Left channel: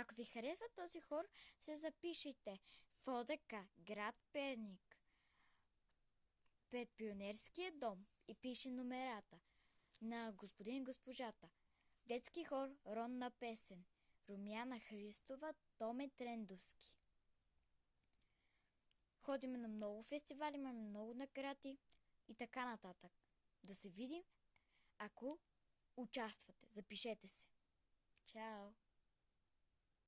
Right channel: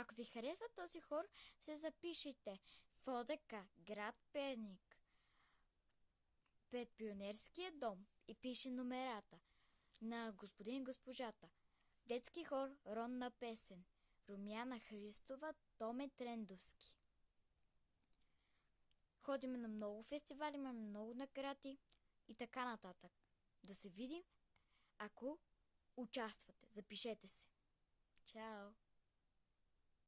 Ако ви харесва този хор, се запишете в ОДК, град Перник, пред Пионерския дом и пише номерата на господин и госпожата. Детски хор Ронна песен, Румяна Христова, Томе Трендовски. Ходим на много фестивали, имаме много награди и така нататък. Да се видим, ако участвате. Запишете се. Чао!